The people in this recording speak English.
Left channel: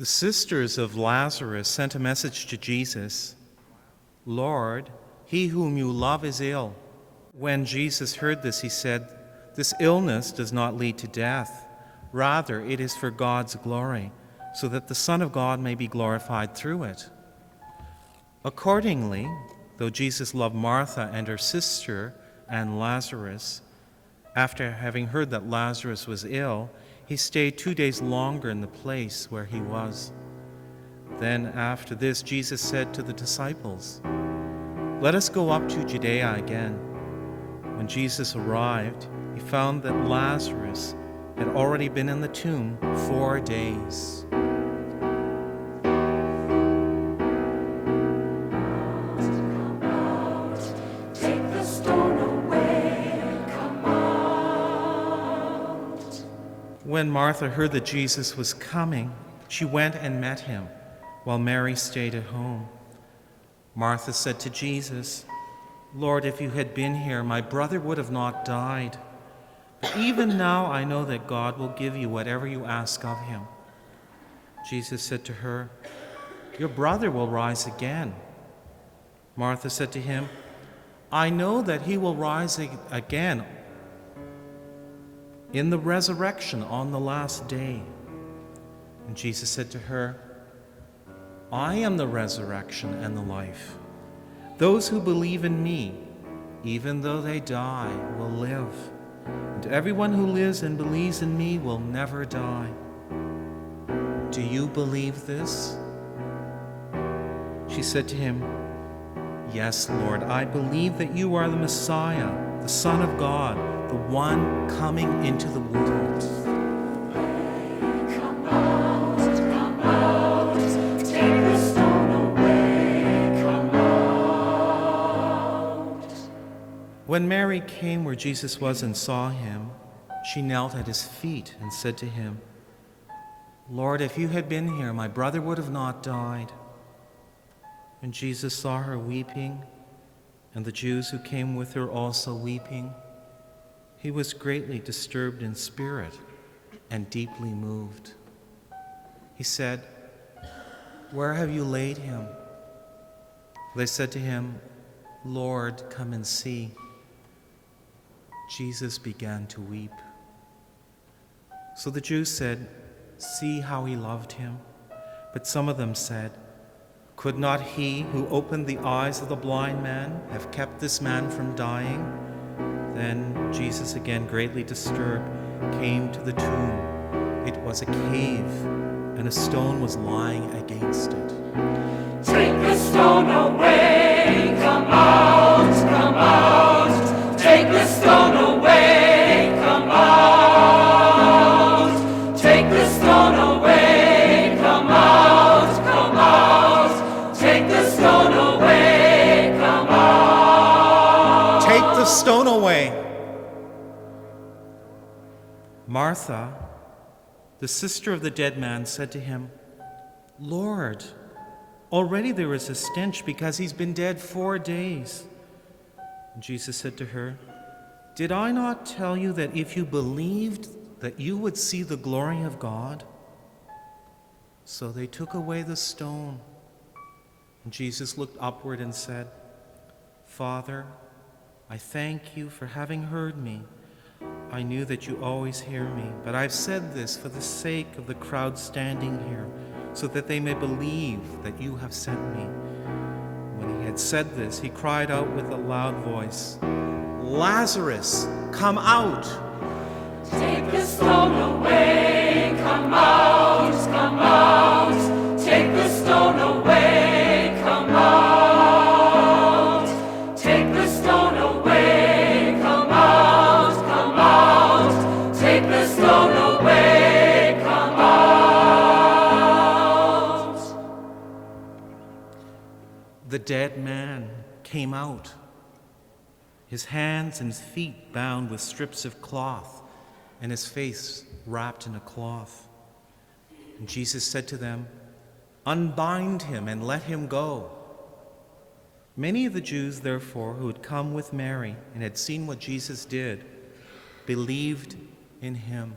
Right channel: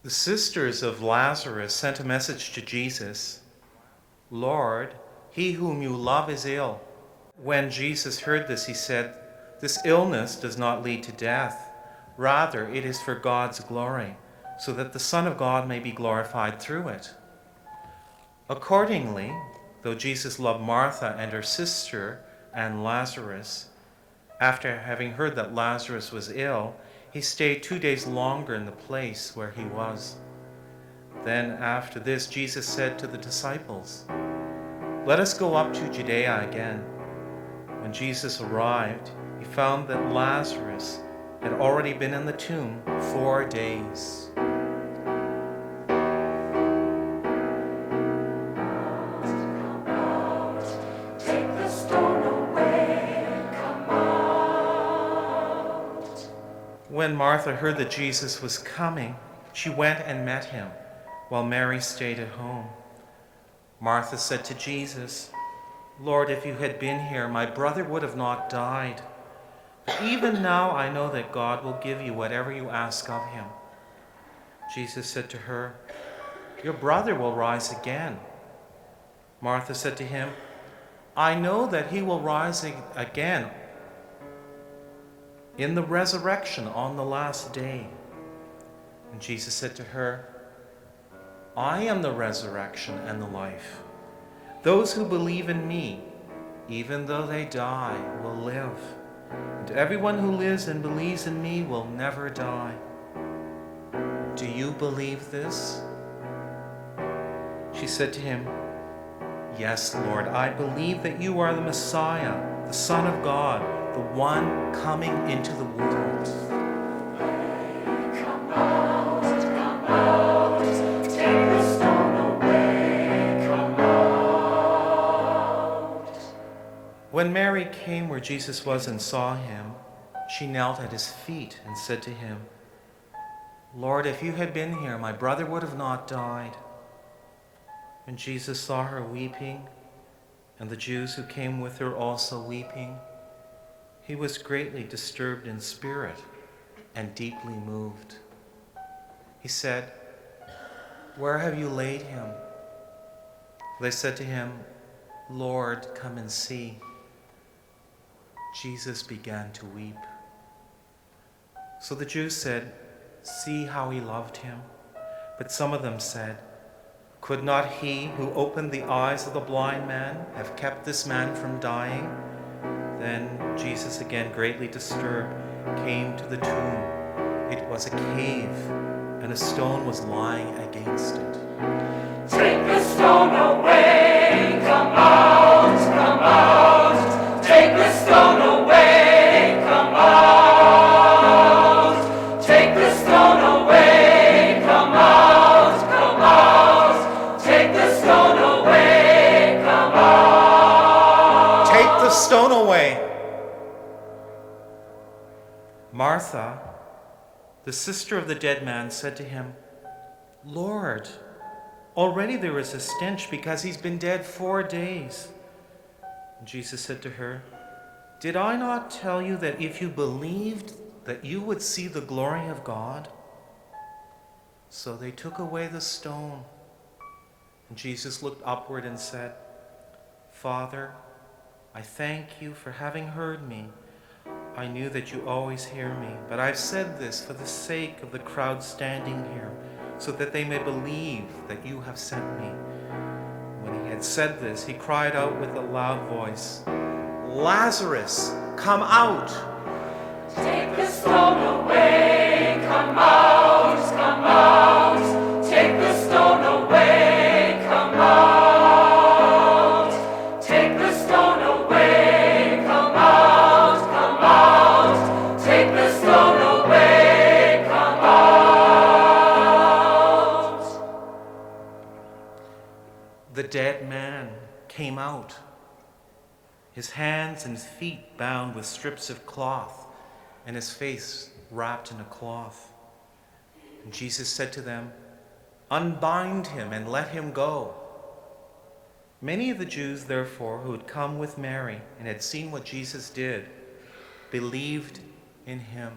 The sisters of Lazarus sent a message to Jesus, "Lord, he whom you love is ill." When Jesus heard this, he said, "This illness does not lead to death. Rather, it is for God's glory, so that the Son of God may be glorified through it." Accordingly, though Jesus loved Martha and her sister and Lazarus, after having heard that Lazarus was ill, he stayed 2 days longer in the place where he was. Then after this, Jesus said to the disciples, "Let us go up to Judea again." When Jesus arrived, he found that Lazarus had already been in the tomb 4 days. When Martha heard that Jesus was coming, she went and met him, while Mary stayed at home. Martha said to Jesus, "Lord, if you had been here, my brother would have not died. But even now I know that God will give you whatever you ask of him." Jesus said to her, "Your brother will rise again." Martha said to him, "I know that he will rise again in the resurrection on the last day." And Jesus said to her, "I am the resurrection and the life. Those who believe in me, even though they die, will live. And everyone who lives and believes in me will never die. Do you believe this?" She said to him, "Yes, Lord, I believe that you are the Messiah, the Son of God, the one coming into the world." Come out, take the stone away, come out. When Mary came where Jesus was and saw him, she knelt at his feet and said to him, "Lord, if you had been here, my brother would have not died." And Jesus saw her weeping, and the Jews who came with her also weeping. He was greatly disturbed in spirit and deeply moved. He said, "Where have you laid him?" They said to him, "Lord, come and see." Jesus began to weep. So the Jews said, "See how he loved him." But some of them said, "Could not he who opened the eyes of the blind man have kept this man from dying?" Then Jesus, again greatly disturbed, came to the tomb. It was a cave, and a stone was lying against it. Take the stone away, come out, come out. Take the stone away, come out. Take the stone away, come out, come out. Take the stone away, come out. "Take the stone away." Martha, the sister of the dead man, said to him, "Lord, already there is a stench because he's been dead 4 days." And Jesus said to her, "Did I not tell you that if you believed, that you would see the glory of God?" So they took away the stone. And Jesus looked upward and said, "Father, I thank you for having heard me. I knew that you always hear me, but I said this for the sake of the crowd standing here, so that they may believe that you have sent me." When he had said this, he cried out with a loud voice, "Lazarus, come out!" Take the stone away, come out, come out. Take the stone away, come out. Take the stone away, come out, come out. Take the stone away, come out. The dead man came out, his hands and feet bound with strips of cloth, and his face wrapped in a cloth. And Jesus said to them, "Unbind him and let him go." Many of the Jews, therefore, who had come with Mary and had seen what Jesus did, believed in him.